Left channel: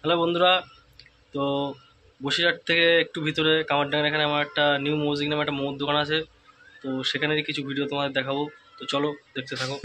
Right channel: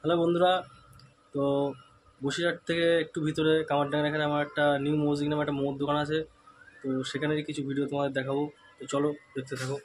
Hello বন্ধুরা। তো বসিরহাট থেকে একটু ভিতরে কামারডাঙ্গার এখানে আমার একটা নিউ মিউজিক নামে একটা মোমোর দোকান আছে। তো সেখানেরই কিছু ভিডিও তোমাদের দেখাবো। তো চলো দেখতে থাকো।